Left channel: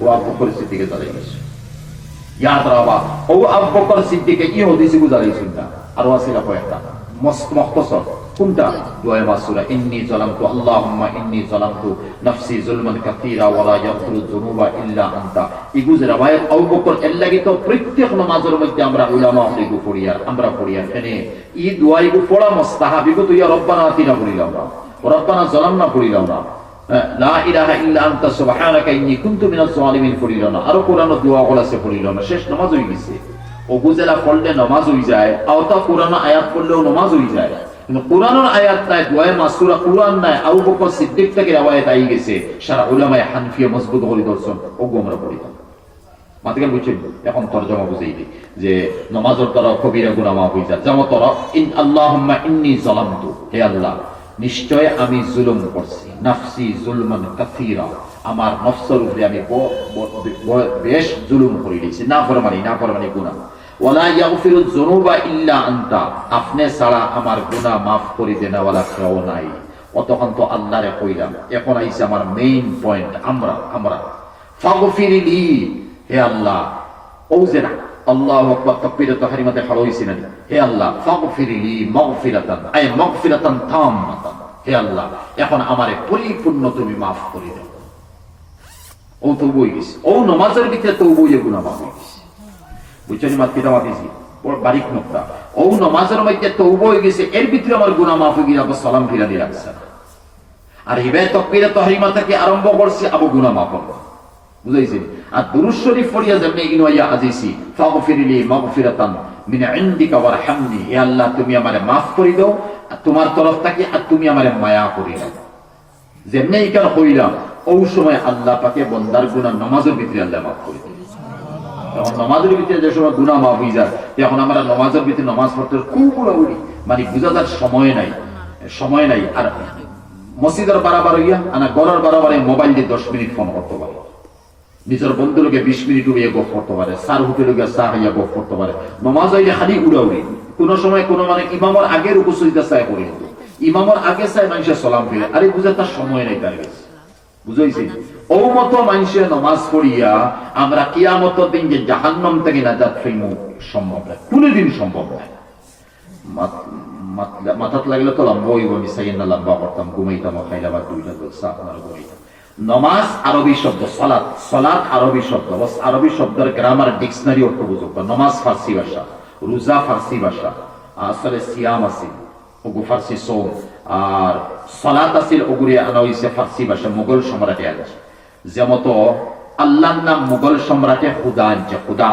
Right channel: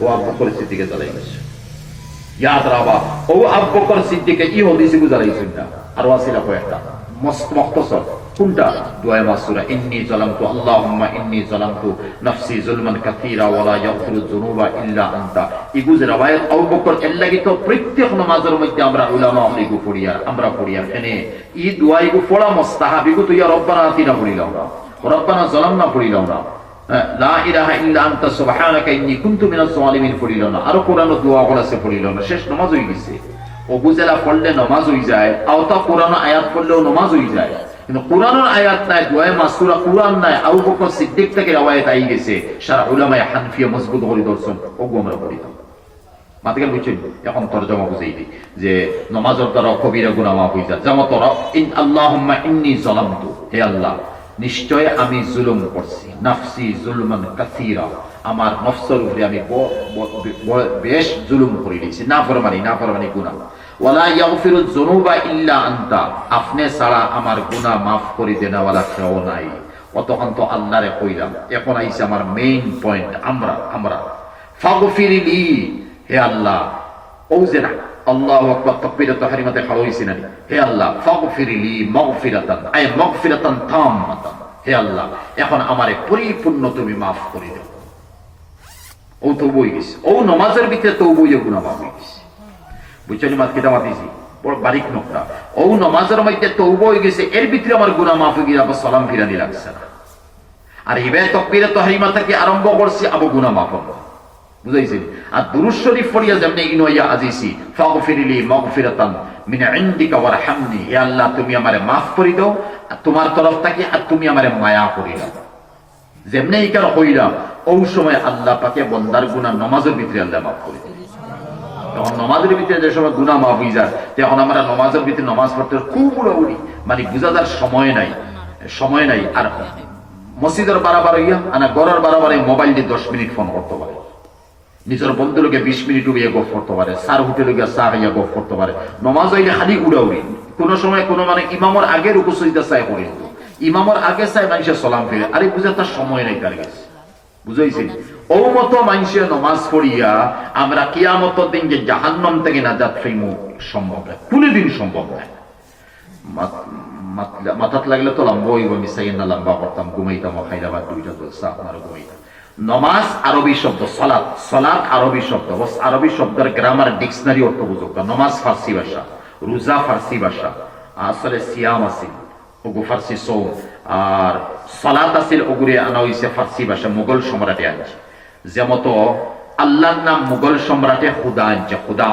ও আবু বকর সিদ্দিকে জ্বালাই গেছে ইয়াদ রাবা ও আবু বকর সিদ্দিকে কি হদিসি গুজারাইছেন না আর ওয়াসিলা কয়েকটা মস্ত মুখতাসার কোনটা দুআয়ে মাসুরা ইন্নী যালামতু আল্লাহুম্মা ইন্নী যালামতু নাফসি যুলমান কাসীরা ওয়া লা ইয়াগফিরুয যুনুবা ইল্লা আনতা ইগুজ রাবায়াত আবু বকর এর লাগি তো প্রত্যেক নামাজের মধ্যে আমরা উলামা হইগু পড়িয়ার আমরা পড়িয়ার এনে ই দুআইগু পড়া মুস্তাহাবিগু তো ইয়া রব্বানা আতিনা পড়িলাম না রব্বানা যালামনা পড়িলাম না লা ইলাহা ইল্লা আনতা সুবহানাকা ইন্নী কুনতু মিনাজ জালিমিন পড়িলাম না আর কোরআন দোয়া গুলো সে পড়িলাম না শেষ নামাজ হই গেছে ও বুঝেলা পড়লে নামাজ হই যায় আওতা কোরআন আয়াত পড়লেও নামাজ হই যায় কিন্তু কোরআনের আয়াত নাই দুআয়ে মাসুরা কোরআন নাই আবু বকর সিদ্দিক থেকে রওয়ায়াত আই গেছে সারা উলামায়ে হানফিয়া মজবুত করে দর্শন ও গোমরা পড়িত মাতকে বুঝছেন এখন তরজমা বুঝাই দি যে নামাজের দ্বারা কবিরা গুনাহ মাফ হই যায় যেমন তোরা ইন আল্লাহুম্মা ইন্নী যালামতু হে আল্লাহ নিশ্চয় আমি জুলুম করছি নাফসি যুলমান কাসীরা আমার নফসের উপরে আমি বেশ জুলুম করে দিয়েছি না ফরমানি গুনাহ ওয়ালা ইয়াগফিরুয যুনুবা ইল্লা আনতা আপনি ছাড়া আমার গুনাহ maaf করে দেনা ওয়ালা কেউ নাই অতক্ষণ তো আল্লাহরে কইলাম এখন আইছে আমার মেইন পয়েন্ট আমরা ফাগফিরলি হে আল্লাহ ওজেনা আল্লাহু আকবার তাকবীরাত তাহরিমাতে খাড়া হইছে না হে আল্লাহ ফাগফিরলি মাগফিরাতান আই মাগফিরাতান তাম্মাতান হে আল্লাহ এখন আমারে পরিপূর্ণ তুমি maaf করে দাও ও তো বই গেছে ও নামাজের ভিতরে তো বইয়ে গুনাহ maaf হয়ে গেছে বুঝছেন মাত কিটা মাতিছি বড় বারিক নকটা ও নামাজের মধ্যে তওবা হয়ে গেছে এর ভিতরে আমার গুনাহ maaf হয়ে গিয়ে আবার সালাম ফিরানি লাগছে না আর এবার তাকবীরাত তাহরিমা থেকে আরম্ভ করছি আবু গুনাহ maaf হবে বুঝাইছেন আর দুরূদ শরীফ পড়িয়া যেমনি ইনওয়া আজিসি ফাগফিরলি মাগফিরাতান মিন ইনদিকা ওয়ারহামনি হে আল্লাহ তুমি আমারে maaf করে দাও তোমার তরফ থেকে আর তুমি আমারে মায়া করে দাও যেমনি ইকার কইরা ওই সময় আল্লাহ পাকে বান্দার গুনাহ নামাজের ভিতরে আল্লাহ maaf করে দেন তখন নামাজের ভিতরে যে সময় গুনাহ maaf হয়ে যায় তখন আমরা নামাজের ভিতরে নামাজ পড়তে খুব উড়াউড়ি মানে বুঝার সময় নাই আর মসজিদের বারবার হইয়া আনা ঘরের বারবার মোবাইল দিয়ে 10 মিনিট ফোন করতে পারে নিজের বন্ধুকে 20 মিনিট উড়িয়ে গপ করতে পারে সার হোটেলে গিয়ে চা খাইয়া গপ করতে পারে নামাজ হইলে খালি উড়াউড়ি কোন সময় কোন মানে ইমামের আগে রুকু সিজদা চাই করে ইমামের আগে চাই মানুষের সালাম ফিরে আরে বুঝে তার সময় নাই তার কাছে বুঝাইছি ও মতো মানুষের নামাজ পড়িয়া আমরা কিয়ামতের দিন যে জাহান্নাম থেকে নাজাত পাইমু সম্ভব না কোনদিন সম্ভব না মাথাত লাগলে তো লম্বা হইব মিসাইন না লম্বা করতাম ঘুমাইতাম খাইলাবার দুইটা দোসা আপনার ঘুমাইতাম নামাজ আরবি শব্দ সালাত আরবি শব্দ আরবি শব্দের গ্রামার ডিকশনারি অর্থ বুঝুক নামাজ ফার্সি ভাষা রোজা ফার্সি ভাষা আসলে সিয়াম আছে ওগু ফার্সি সৌম আর সালাত আছিল ওগুরি আনা হইছে ফার্সি ভাষা মুঘল সম্রাটে আছে যেমন তো আল্লাহর নাম মুঘল সম্রাটে খুদা আনছে খুদা